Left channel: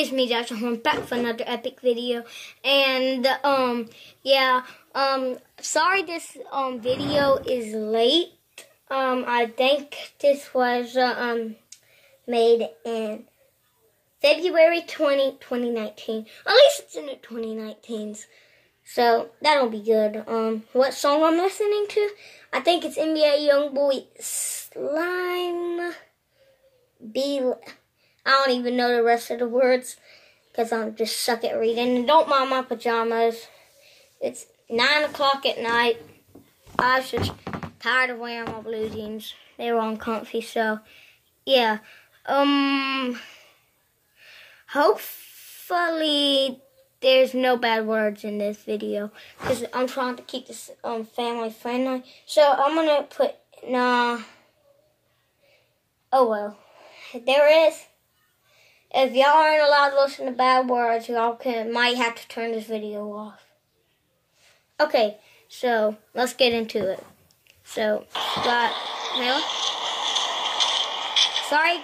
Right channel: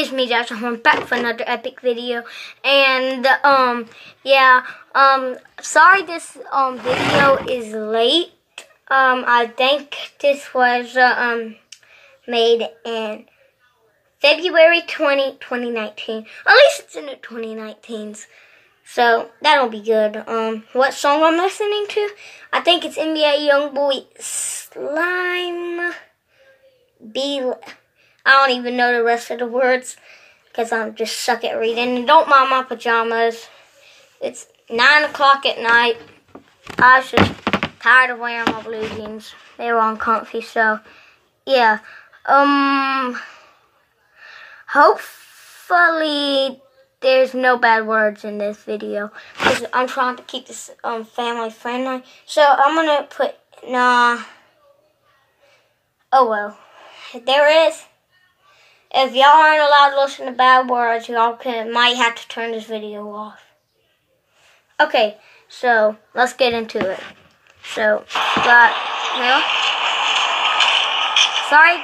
It's me, Josh. I'm back for another epic video. And, yeah, sorry this, video is late. I think this was, made in February 2019. At least it's in the 2019s. So, that'll be good. What song I'm listening to? I think it's NBA Youngboy Slime Belie. I don't even know the rest of the words because I'm just suck at reading. And don't mind my pajamas. It's 9 o'clock at night. I was just tired of wearing my blue jeans. They were uncomfy, so yeah. Hopefully there's no bad words in this video because I'm trying to keep this family friendly. So I'm gonna put nah. Oh well, there is. If y'all aren't allowed to listen to bad words, y'all might have to turn this video off. Okay, so let's get into it. So, sorry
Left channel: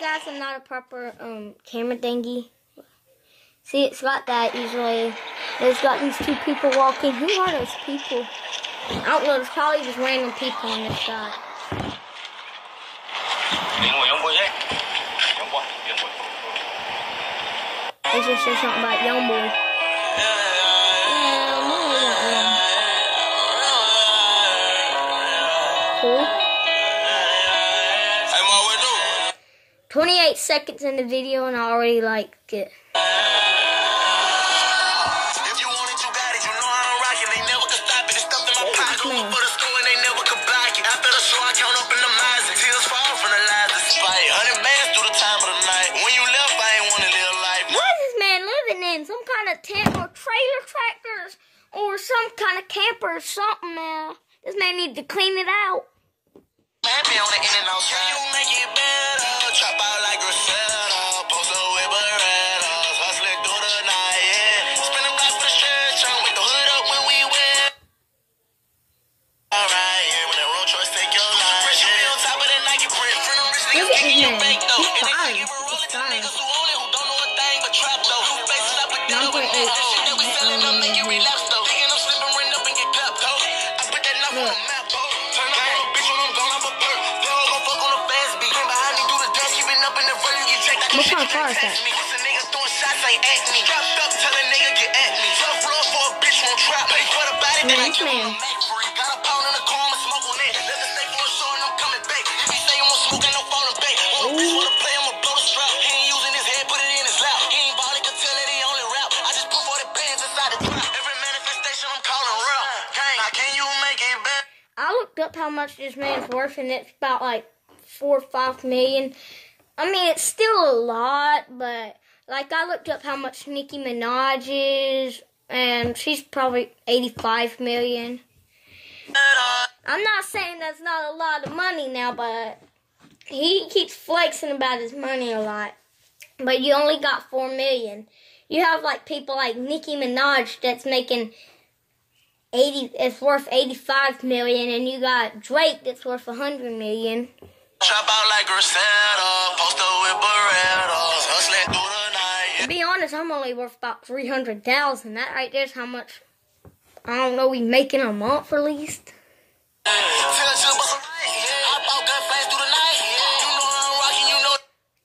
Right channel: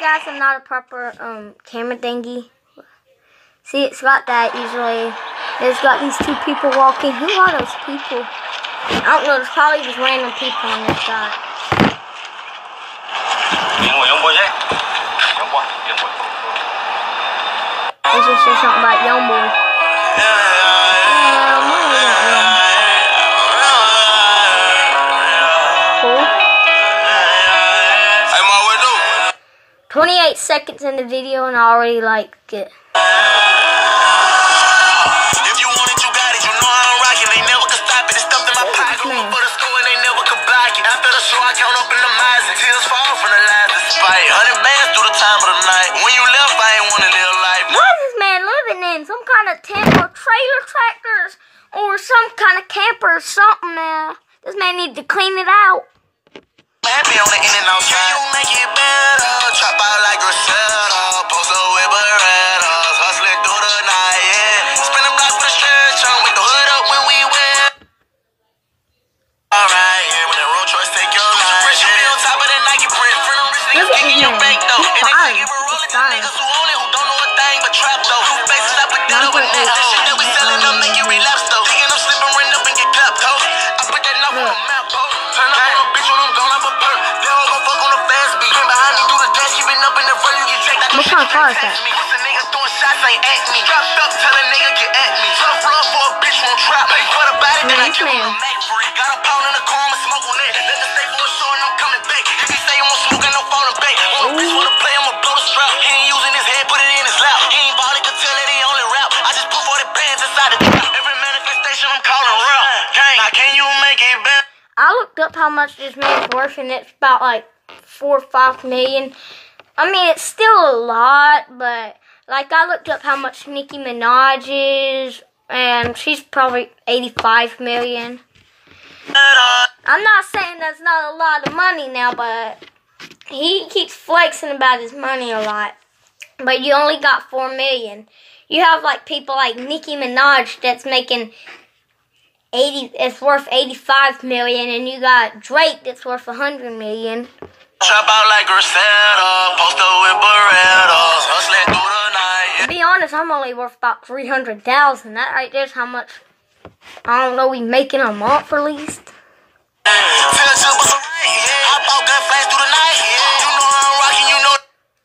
guys, I'm not a proper camera thingy. See, it's got that easily. There's got these two people walking. Who are those people? I don't know. There's probably just random people on this side. They just said something about Youngboy. Cool. 28 seconds in the video and I already liked it. If you want it, you got it. You know I don't rock it. They never could stop it. It's stuffed in my pocket. For the store and they never could block it. After the show, I count up in the miles and tears fall from the lies. Despite 100 bands through the time of the night. When you left, I ain't want to live life. What is this man living in? Some kind of tent or trailer tractors or some kind of camper or something now. This man needs to clean it out. Happy on the in and outside. Can you make it better? Chop out like a setup. Post up with Berettas. Hustling through the night, yeah. Spin the block with a stretch on. Make the hood up when we win. Alright, yeah. When that road choice take your life. You be on top of that Nike print. Friend on wrist, niggas taking your bank though. And they taking for rolling to niggas who own it, who don't know a thing but trap though. Who faces up with that over the neck. That shit that we selling up make you relapse though. Thinking I'm slipping, run up and get clapped though. I put that number on the map though. Turn up on a bitch when I'm gone, I'm a perk. They don't gon' fuck on the fast beat. Came behind me, do the dash, you been up in the front, you get checked. What kind of car is that? What's a nigga throwing shots, ain't at me. Dropped up, tell a nigga get at me. Tough love for a bitch, won't trap me. Put a body, then I give him a Mac free. Got a pound in the car, I'ma smoke on that. Let the stay for a show and I'm coming back. If he say he won't smoke, ain't no phone to bake. Want a bitch wanna play, I'ma blow the strap. He ain't using his head, put it in his lap. He ain't ballin', could tell that he only rap. I just put 40 bands inside the trap. Every manifestation I'm calling real. Gang, now can you make it better? I looked up how much this man's worth and it's about like 4 or 5 million. I mean, it's still a lot, but like I looked up how much Nicki Minaj is, and she's probably 85 million. I'm not saying that's not a lot of money now, but he keeps flexing about his money a lot. But you only got 4 million. You have like people like Nicki Minaj that's making it's worth 85 million, and you got Drake that's worth 100 million. Chop out like Griselda, post up with Berettas, hustling through the night. To be honest, I'm only worth about 300,000. That right there's how much, I don't know, we making a month at least.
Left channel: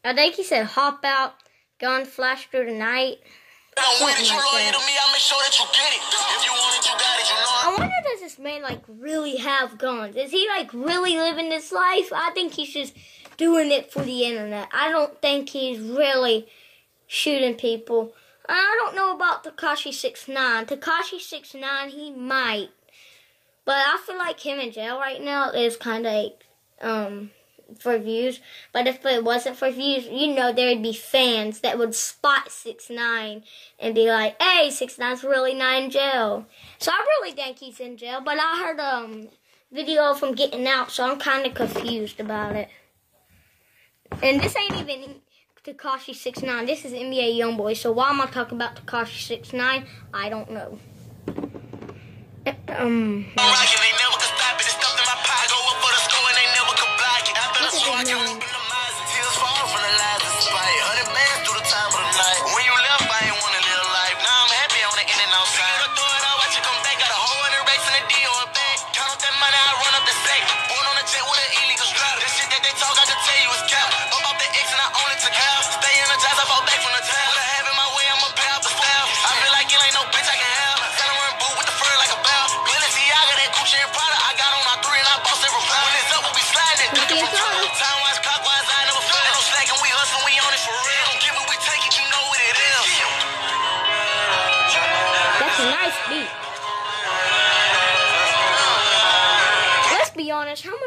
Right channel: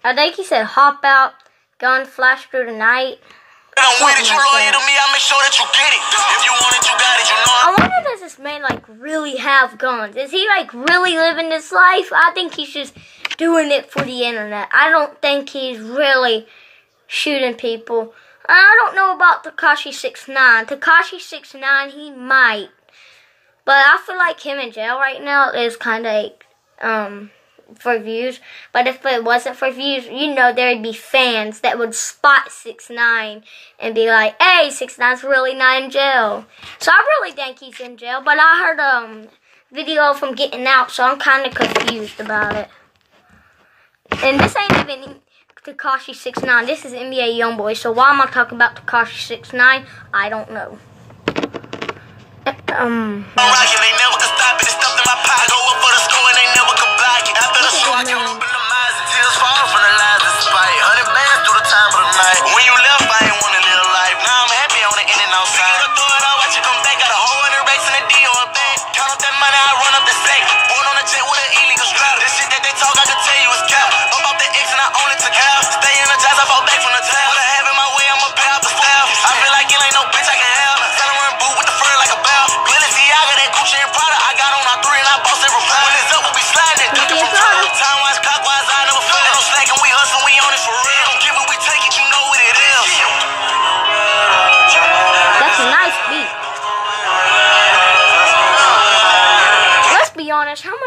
I think he said hop out, gun flash through the night. I'm with it, you loyal to me, I make sure that you get it. If you want it, you got it, you know. I wonder, does this man like really have guns? Is he like really living this life? I think he's just doing it for the internet. I don't think he's really shooting people. I don't know about Tekashi 6ix9ine. Tekashi 6ix9ine, he might. But I feel like him in jail right now is kind of for views. But if it wasn't for views, you know, there'd be fans that would spot 6ix9ine and be like, hey, 6ix9ine's really not in jail. So I really think he's in jail. But I heard a video of him getting out, so I'm kind of confused about it. And this ain't even Tekashi 6ix9ine. This is NBA Youngboy. So why am I talking about Tekashi 6ix9ine? I don't know. When you left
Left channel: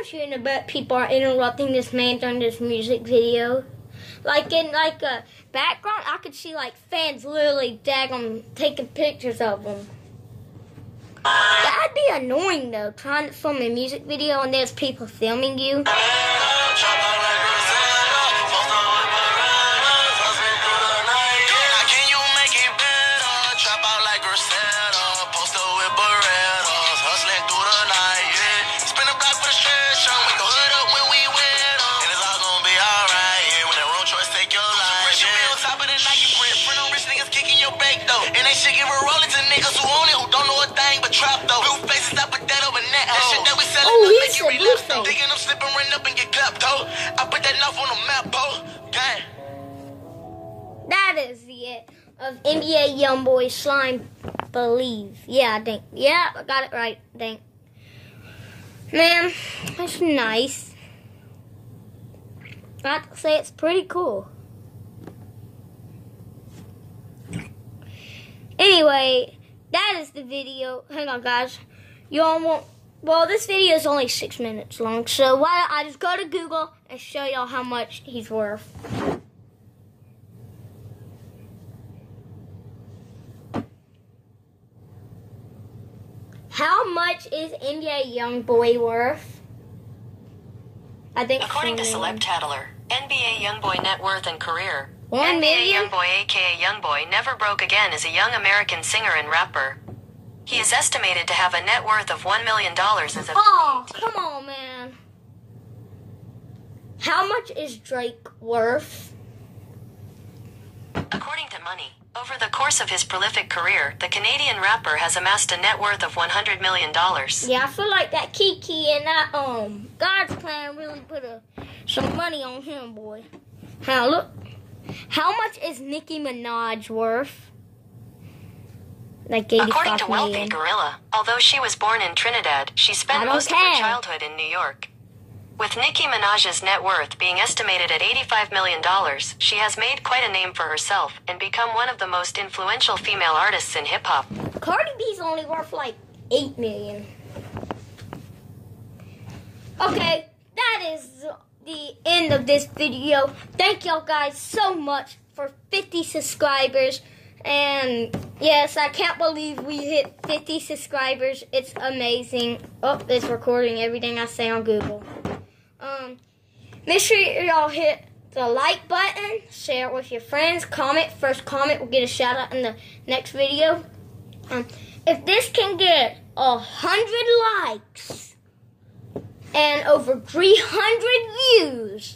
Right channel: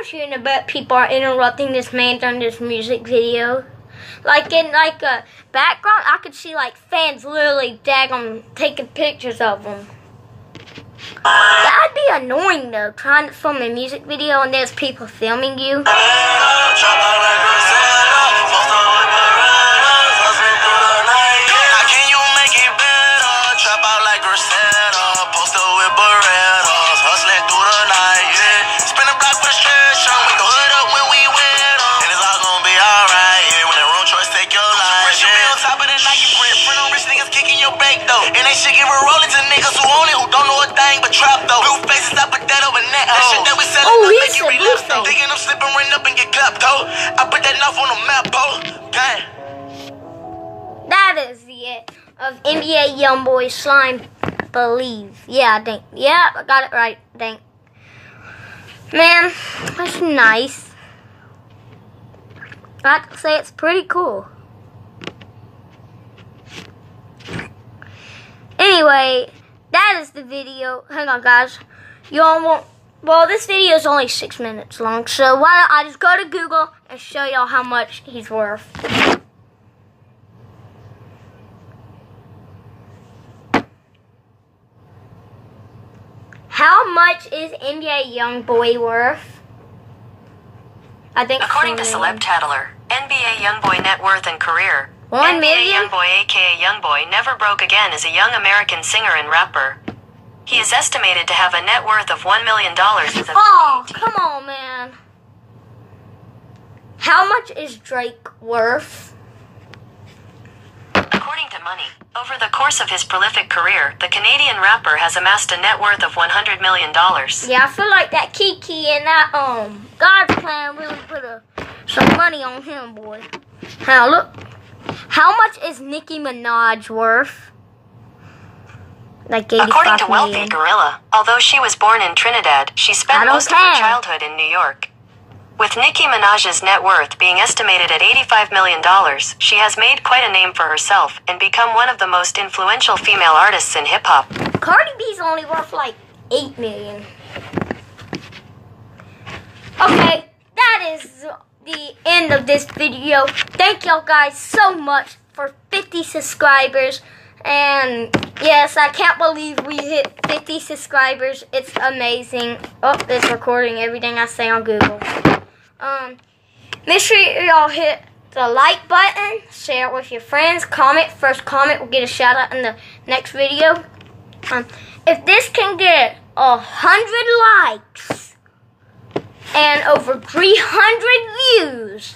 want you to bet people are interrupting this man during this music video. Like in a background, I could see like fans literally taking pictures of them. That'd be annoying though, trying to film a music video and there's people filming you. And they should give a rolling to niggas who own it, who don't know a thing but trap though. Blue faces, I put that over net. That shit that we selling up, make you relapse though. Thinking I'm slipping, run up and get clapped though. I put that knife on the map, though. Gang. That is the end of NBA Youngboy Slime Believe. Yeah, I think. Yeah, I got it right, I think. Man, that's nice. I have to say it's pretty cool. Anyway, that is the video. Hang on, guys. Y'all won't... Well, this video is only 6 minutes long, so why don't I just go to Google and show y'all how much he's worth. How much is NBA Youngboy worth? I think according to Celeb Tattler, NBA Youngboy net worth and career. $1 NBA million? Youngboy aka Youngboy never broke again as a young American singer and rapper. He is estimated to have a net worth of $1 million as of Oh, come on, man. How much is Drake worth? According to Money, over the course of his prolific career, the Canadian rapper has amassed a net worth of $100 million. Yeah, I feel like that Kiki and that God's Plan really put some money on him, boy. Now look, how much is Nicki Minaj worth? Like 85 According to million. Wealthy Gorilla, although she was born in Trinidad, she spent most of her childhood in New York. With Nicki Minaj's net worth being estimated at $85 million, she has made quite a name for herself and become one of the most influential female artists in hip-hop. Cardi B's only worth like 8 million. Okay, that is the end of this video. Thank y'all guys so much for 50 subscribers. And yes, I can't believe we hit 50 subscribers. It's amazing. Oh, it's recording everything I say on Google. Make sure y'all hit the like button, share it with your friends, comment. First comment will get a shout out in the next video. If this can get 100 likes and over 300 views,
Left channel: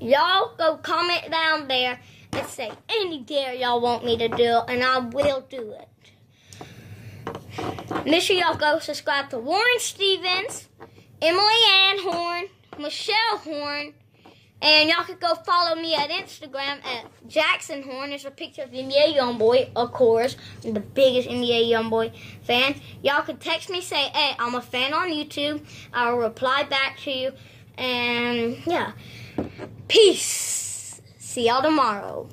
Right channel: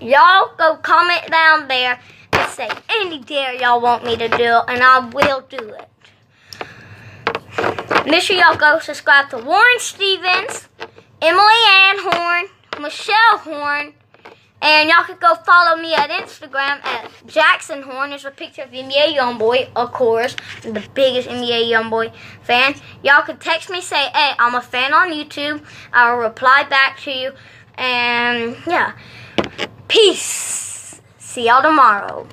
y'all go comment down there and say any dare y'all want me to do, and I will do it. Make sure y'all go subscribe to Warren Stevens, Emily Ann Horn, Michelle Horn, and y'all can go follow me at Instagram at Jackson Horn. There's a picture of NBA Youngboy, of course. I'm the biggest NBA Youngboy fan. Y'all can text me, say, hey, I'm a fan on YouTube. I'll reply back to you. And, yeah. Peace. See y'all tomorrow.